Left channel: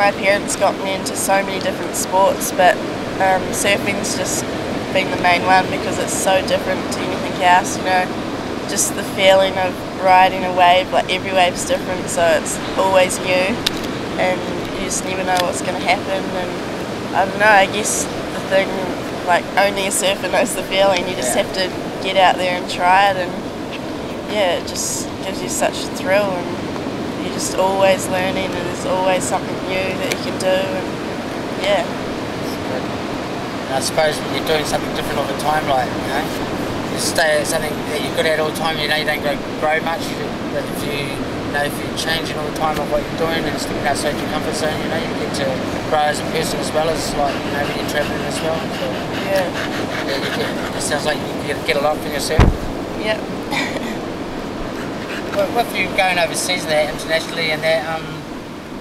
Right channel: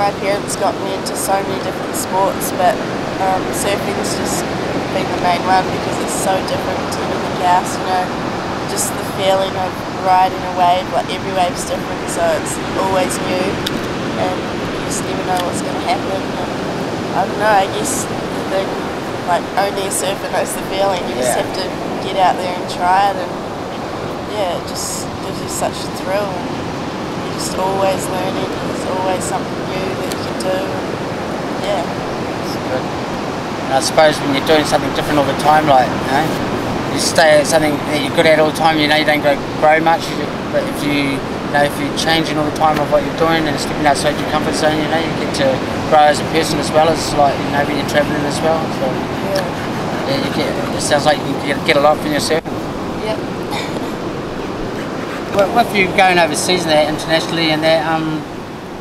My parents got me into so many different sports, but surfing's just been the main one because it's so different to anything else, you know. Just the feeling of riding a wave, like every wave's different, so it's always new and you just never know what's going to happen. And I don't know, I guess the thing, like only a surfer knows the feeling. You just have to get out there and try it, and yeah, it just gives you such a thrill, and you're just always learning, and there's always something new that you can do, and yeah. That's good. And I suppose when you're doing something different all the time, like, you know, you stay at something that you're good at all the time, you know, you don't grow much, but if you're changing all the time of what you're doing and stepping outside your comfort zone, you know, you get to grow as a person as well as, like, you know, when you're travelling as well. So yeah, it sounds like you can get a lot from yourself. Yep. With you going overseas and that, internationally and that,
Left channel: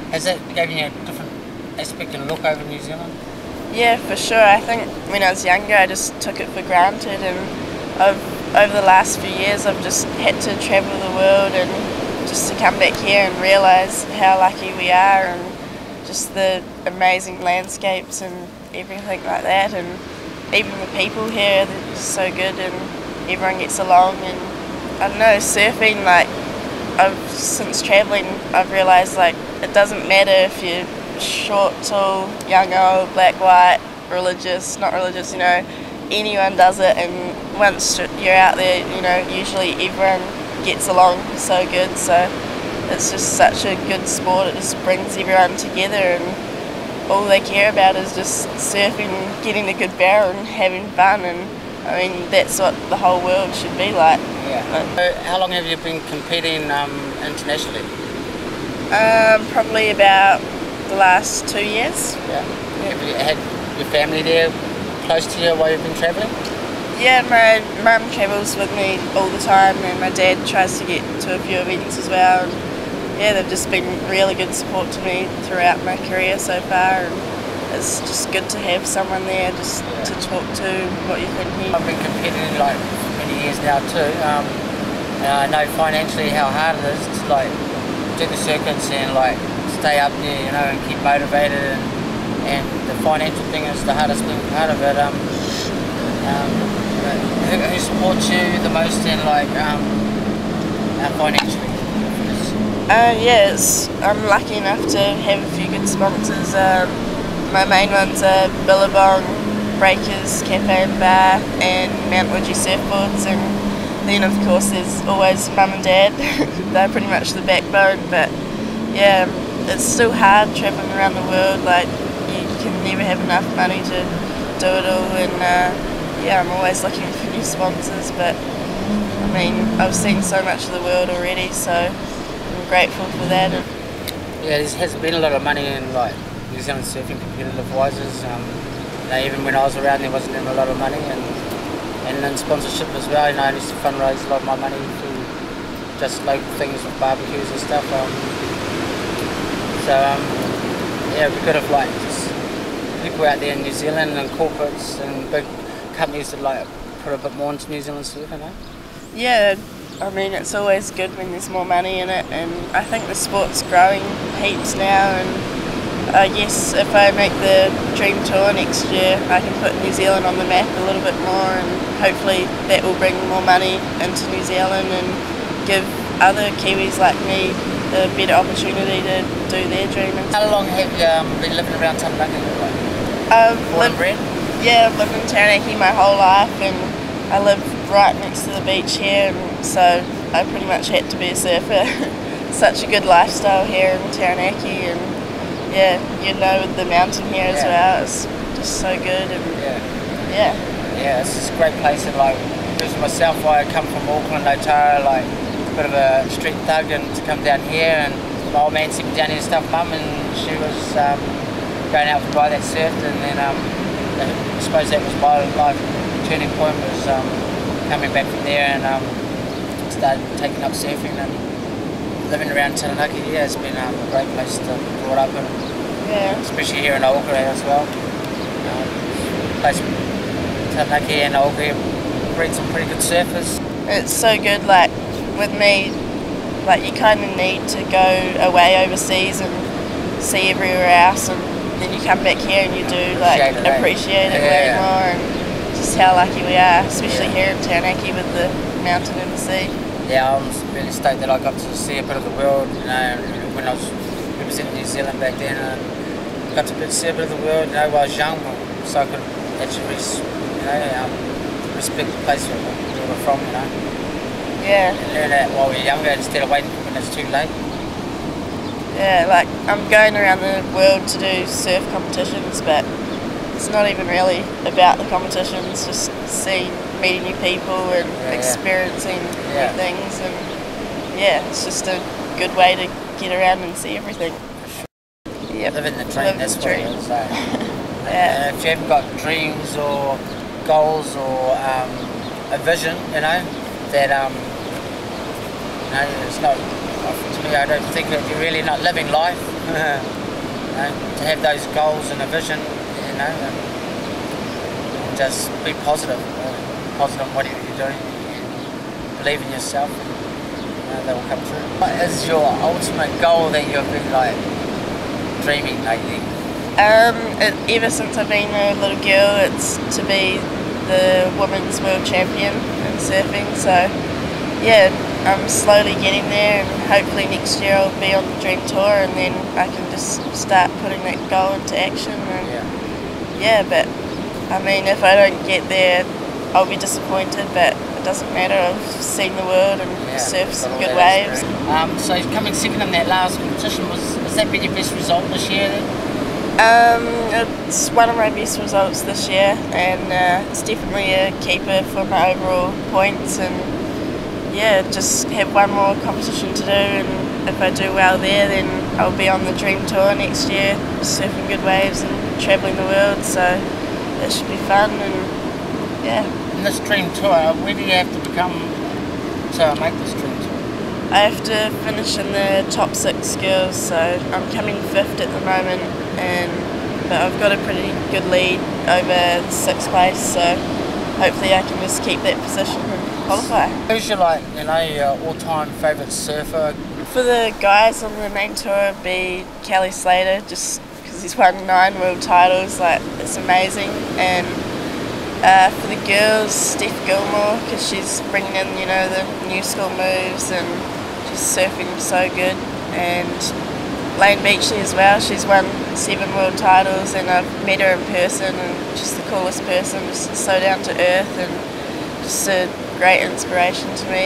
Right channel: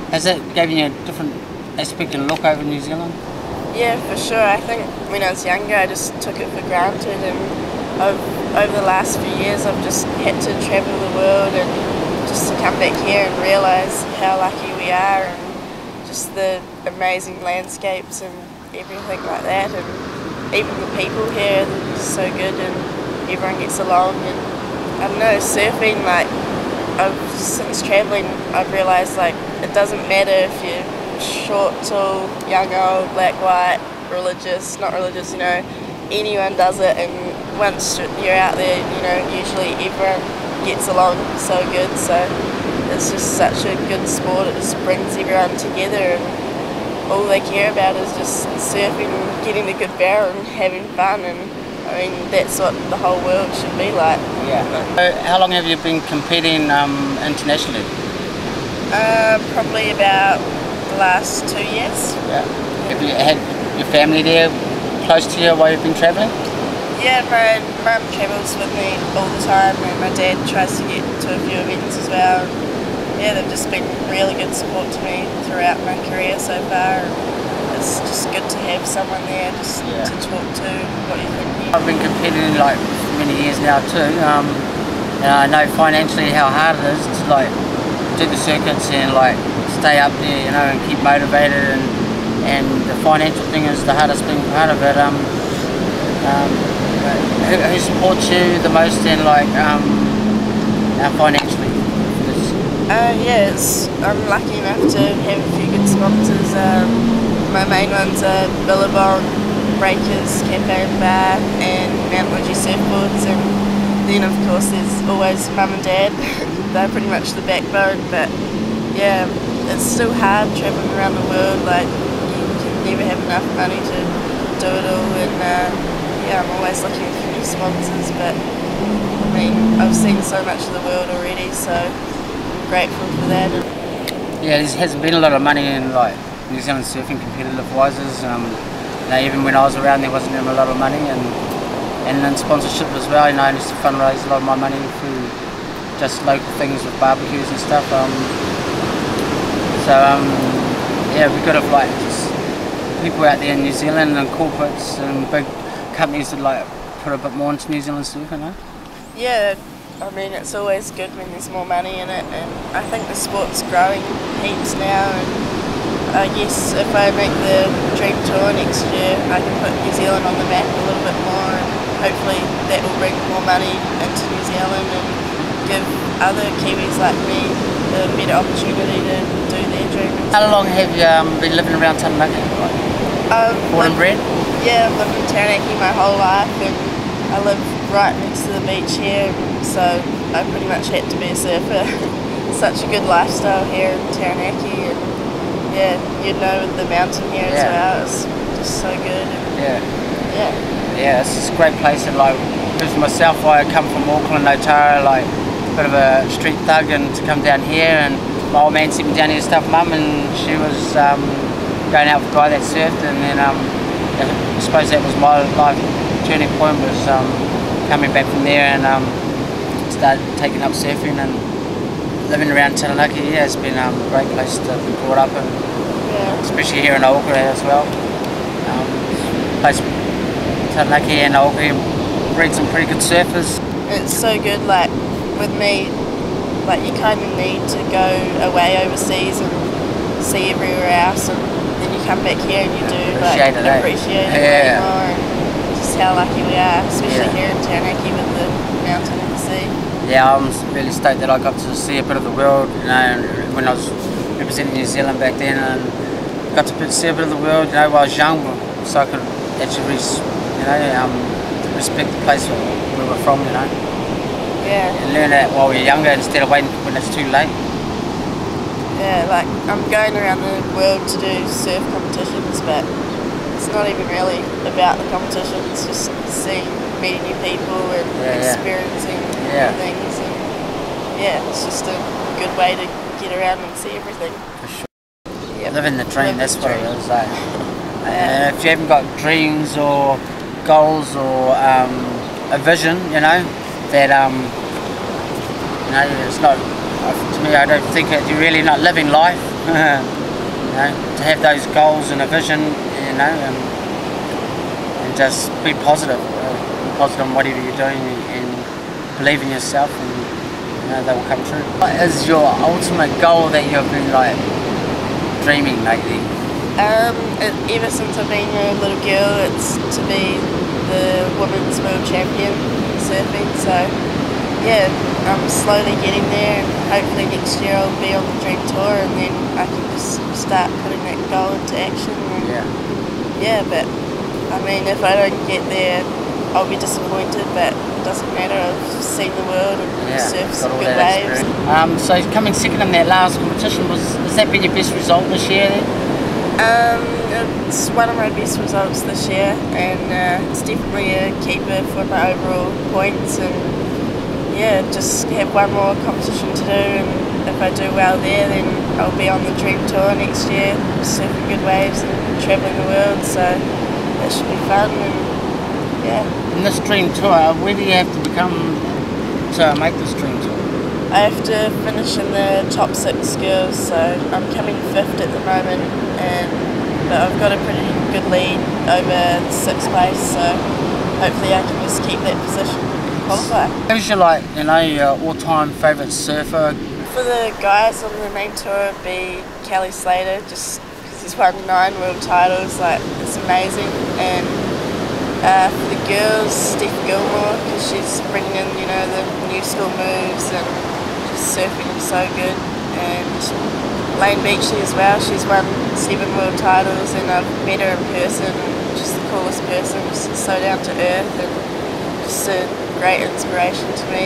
has that given you a different aspect and look over New Zealand? Yeah, for sure. I think when I was younger I just took it for granted, and over the last few years I've just had to travel the world, and just to come back here and realise how lucky we are, and just the amazing landscapes and everything like that, and even the people here, they're just so good and everyone gets along. And I don't know, surfing, like, since travelling I've realised, like, it doesn't matter if you're short, tall, young, old, black, white, religious, not religious, you know, anyone does it, and once you're out there, you know, usually everyone gets along so good, so it's just such a good sport. It just brings everyone together, and all they care about is just surfing, getting a good barrel and having fun, and I mean, that's what the whole world should be like. Yeah. So how long have you been competing internationally? Probably about the last 2 years. Yeah. Have you had your family there close to you while you've been travelling? Yeah, my mum travels with me all the time, and my dad tries to get to a few events as well. And yeah, they've just been really good support to me throughout my career so far. And it's just good to have someone there just to talk to what you're thinking. I've been competing like for many years now too, and I know financially how hard it is to like do the circuits and like stay up there, you know, and keep motivated, and the financial thing is the hardest thing part of it. Who supports you the most in like financially? Yeah, I'm lucky enough to have a few good sponsors. My main ones are Billabong, Breakers, Cafe and Bar, and Mount Woodgie Surfboards, and then of course there's always Mum and Dad. They're pretty much the backbone, but yeah, it's still hard travelling around the world. Like, you can never have enough money to do it all, and yeah, I'm always looking for new sponsors, but I mean, I've seen so much of the world already, so I'm grateful for that. Yeah, there hasn't been a lot of money in like New Zealand surfing competitive wise. You know, even when I was around there wasn't even a lot of money, and in sponsorship as well. You know, I used to fundraise a lot of my money through just local things with barbecues and stuff. Yeah, it'd be good if like just people out there in New Zealand and corporates and big companies would like put a bit more into New Zealand surfing, you know? Yeah, I mean, it's always good when there's more money in it, and I think the sport's growing heaps now, and I guess if I make the Dream Tour next year, I can put New Zealand on the map a little bit more, and hopefully that will bring more money into New Zealand and give other Kiwis like me a better opportunity to do their dream. How long have you been living around Taranaki? Born and bred? Yeah, I've lived in Taranaki my whole life, and I live right next to the beach here, so I pretty much had to be a surfer. Such a good lifestyle here in Taranaki, and yeah, you know, with the mountain here as well, it's just so good. And yeah, it's just a great place. And like, because myself, I come from Auckland, Otara, like a bit of a street thug, and to come down here, and my old man sent me down here to stuff Mum, and she was going out for a guy that surfed, and then I suppose that was my life turning point, was coming back from there and started taking up surfing and living around Taranaki. Yeah, it's been a great place to be brought up in, especially here in Auckland as well. Place Taranaki and Auckland breed some pretty good surfers. It's so good, like with me, like you kind of need to go away overseas and see everywhere else, and then you come back here and you do appreciate it way more, and just how lucky we are, especially here in Taranaki with the mountain and the sea. Yeah, I'm really stoked that I got to see a bit of the world, you know, when I was representing New Zealand back then, and got to see a bit of the world, you know, while I was young, so I could actually, respect the place where we were from, you know. Yeah. And learn that while we're younger instead of waiting when it's too late. Yeah, like I'm going around the world to do surf competitions, but it's not even really about the competitions, just meeting new people and experiencing new things, and it's just a good way to get around and see everything. For sure. Yep. Living the dream, that's what it is. And if you haven't got dreams or goals or a vision, you know, that it's not, to me, I don't think that you're really not living life. You know, to have those goals and a vision, you know, and just be positive. Be positive on whatever you're doing, and believe in yourself, and you know, they will come true. What is your ultimate goal that you've been like dreaming lately? Ever since I've been a little girl, it's to be the women's world champion in surfing. So yeah, I'm slowly getting there, and hopefully next year I'll be on the dream tour, and then I can just start putting that goal into action. And but I mean, if I don't get there, I'll be disappointed, but it doesn't matter. I've seen the world and surfed some good waves. So coming second in that last competition, has that been your best result this year then? It's one of my best results this year, and it's definitely a keeper for my overall points, and just have one more competition to do, and if I do well there, then I'll be on the dream tour next year, surfing good waves and travelling the world, so that should be fun. And in this dream tour, where do you have to become to make this dream tour? I have to finish in the top 6 girls, so I'm coming 5th at the moment, but I've got a pretty good lead over 6th place, so hopefully I can just keep that position and qualify. Who's your your all-time favourite surfer? For the guys on the main tour, it'd be Kelly Slater, just because he's won 9 world titles, it's amazing. And for the girls, Steph Gilmore, because she's bringing in the new school moves and just surfing so good. And Lane Beachley as well, she's won 7 world titles, and I've met her in person, and she's the coolest person, just so down to earth and just a great inspiration to me.